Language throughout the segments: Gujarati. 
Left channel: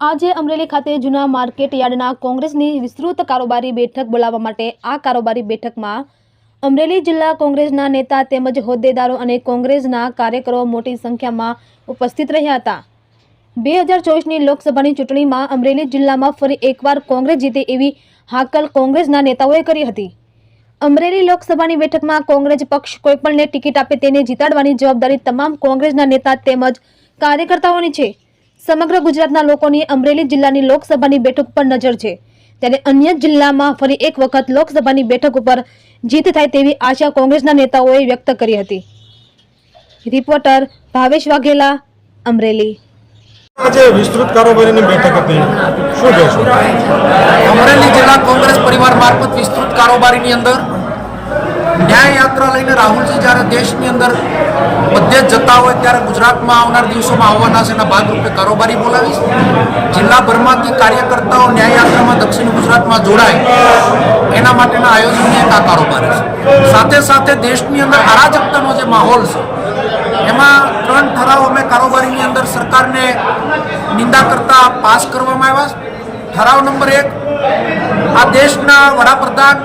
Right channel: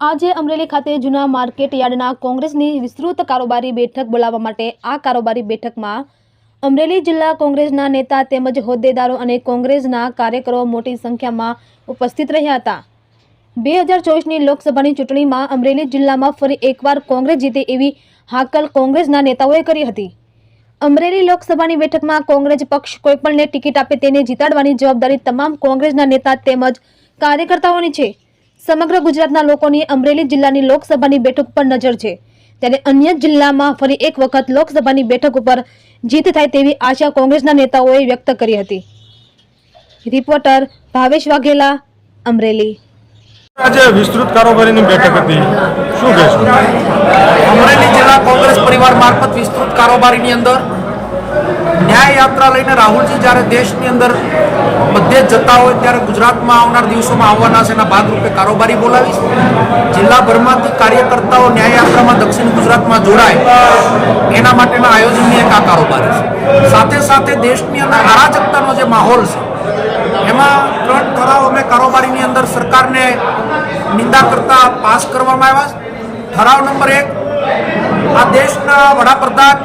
આજે અમરેલી ખાતે જૂના માર્કેટ યાર્ડના કોંગ્રેસની વિસ્તૃત કારોબારી બેઠક બોલાવવા માટે આ કારોબારી બેઠકમાં અમરેલી જિલ્લા કોંગ્રેસના નેતા તેમજ હોદ્દેદારો અને કોંગ્રેસના કાર્યકરો મોટી સંખ્યામાં ઉપસ્થિત રહ્યા હતા। 2024ની લોકસભાની ચૂંટણીમાં અમરેલી જિલ્લામાં ફરી એકવાર કોંગ્રેસ જીતે એવી હાકલ કોંગ્રેસના નેતાઓએ કરી હતી। અમરેલી લોકસભાની બેઠકમાં કોંગ્રેસ પક્ષ કોઈપણને ટિકિટ આપે તેને જીતાડવાની જવાબદારી તમામ કોંગ્રેસના નેતા તેમજ કાર્યકર્તાઓની છે। સમગ્ર ગુજરાતના લોકોની અમરેલી જિલ્લાની લોકસભાની બેઠક પર નજર છે, ત્યારે અન્ય જિલ્લામાં ફરી એક વખત લોકસભાની બેઠક ઉપર જીત થાય તેવી આશા કોંગ્રેસના નેતાઓએ વ્યક્ત કરી હતી। રિપોર્ટર ભાવેશ વાઘેલા, અમરેલી। આજે વિસ્તૃત કારોબારીની બેઠક હતી, શું કહેશો? અમરેલી જિલ્લા કોંગ્રેસ પરિવાર મારફત વિસ્તૃત કારોબારીની અંદર ન્યાય યાત્રા લઈને રાહુલજી જ્યારે દેશની અંદર બધે જ જતા હોય ત્યારે ગુજરાતમાં આવનાર દિવસોમાં આવવાના છે, એના ભાગરૂપે કારોબારી બોલાવીશ। જિલ્લાભરમાંથી કાર્યકર્તાઓ ન્યાય યાત્રામાં દક્ષિણ ગુજરાતમાં જોડાય એના માટેના આયોજનની એક આ કારોબારી છે। સાથે સાથે દેશની અંદર અરાજકતાનો જે માહોલ છે એમાં 3 ઠરાવ અમે કારોબારીની અંદર સરકારને નિંદા કરતા પાસ કરવામાં આવ્યા। ઠરાવ નંબર 1, આ દેશના વડાપ્રધાન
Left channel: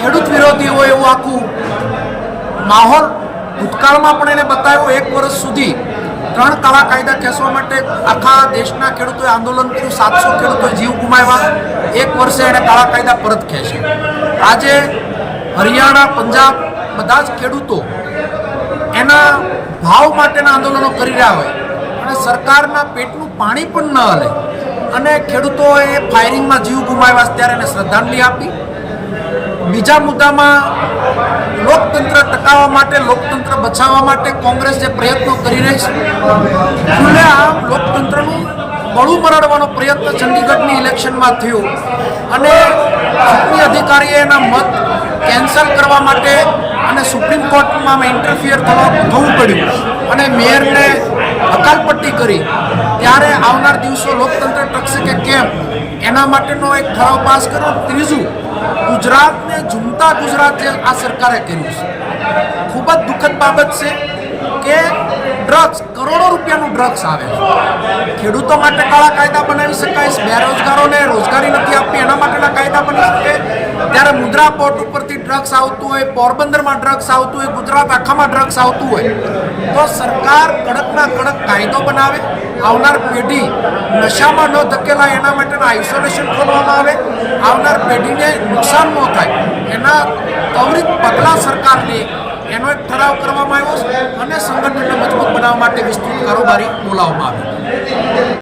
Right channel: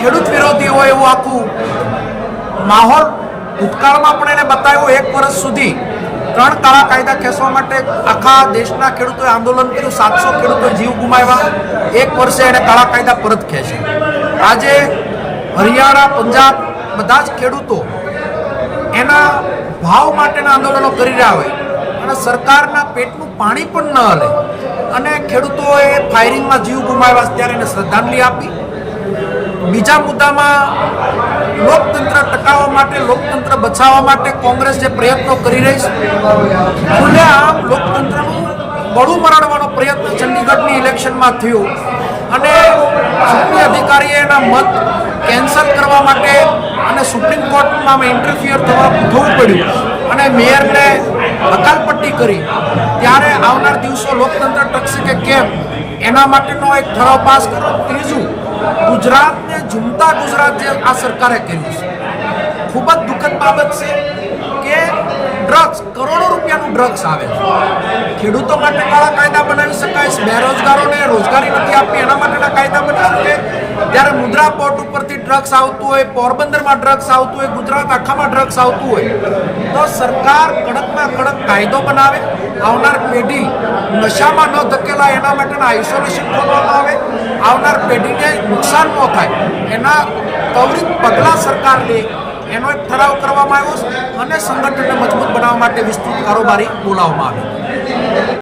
ખેડૂત વિરોધી હોય એવું આખું માહોલ ભૂતકાળમાં પણ એને બતાવ્યો। 1 વર્ષ સુધી 3 કાળા કાયદા ખેંચવા માટે આખા દેશના ખેડૂતોએ આંદોલન કર્યું, 700 ખેડૂતોએ જીવ ગુમાવ્યા। 1 વર્ષે એને કાળા કાયદા પરત ખેંચ્યા। આજે હરિયાણા, પંજાબ બધા જ ખેડૂતો એના ભાવ માટેના આંદોલનો કરી રહ્યા હોય અને સરકારના પેટનું પાણી પણ ન હલે અને ખેડૂતોએ ફાયરિંગમાં જીવ ગુમાવ્યા, ત્યારે એને શ્રદ્ધાંજલિ આપી। બીજા મુદ્દામાં લોકતંત્ર ટકાવવા માટે, લોકતંત્ર બચાવવા માટે કોંગ્રેસ જે પ્રયત્નો કરી રહી છે, ખુલ્લેઆમ લોકતંત્રનું બળું મરડવાનો પ્રયત્ન ચંડીગઢની ઇલેક્શનમાં થયો અને ચૂંટણી અધિકારીએ એના મત કેન્સલ કરવા માટે અને સુપ્રીમ કોર્ટમાં ઇન્ટરફિયર થવું પડ્યું અને મેયરને હકાલપટ્ટી કરી, ત્યારે આવનાર દિવસો લોકતંત્ર ટકશે કે કેમ એના માટેનો એક ઠરાવ પાસ કર્યો। ત્રીજું, ગુજરાતને ઝૂમતા ગુજરાત જે આ સરકારે કર્યું છે, ખૂબ જ દુઃખદ બાબત છે કે ડ્રગ્સ, કરોડો રૂપિયાનું ડ્રગ્સ આવે છે। ખેડૂતો માટે કાળા કાયદા બનાવી શકાય, બેરોજગારોને રોજગારી નથી આપવી એના માટેના કાયદા બની શકે, ત્યારે મુદ્રા પોર્ટ ઉપરથી ડ્રગ્સ આવતું હોય, પોરબંદરમાં ડ્રગ્સ આવતું હોય, ગુજરાત આખામાં ડ્રગ્સ આવતું હોય, તો સરકાર કડકમાં કડક કાયદો બનાવે, આવનાર પેઢી નશામાં ન ધકેલાય એના માટેના આઇસોલેશન ખોલવામાં આવે, આવનાર પેઢીને નુકસાન ન થાય એના ત્વરિત પગલાં સરકાર લે, એનો એક ઠરાવ કરવામાં આવ્યો અને સંગઠનને મજબૂત બનાવવા માટે વિસ્તૃત કારોબારી બોલાવવામાં આવી।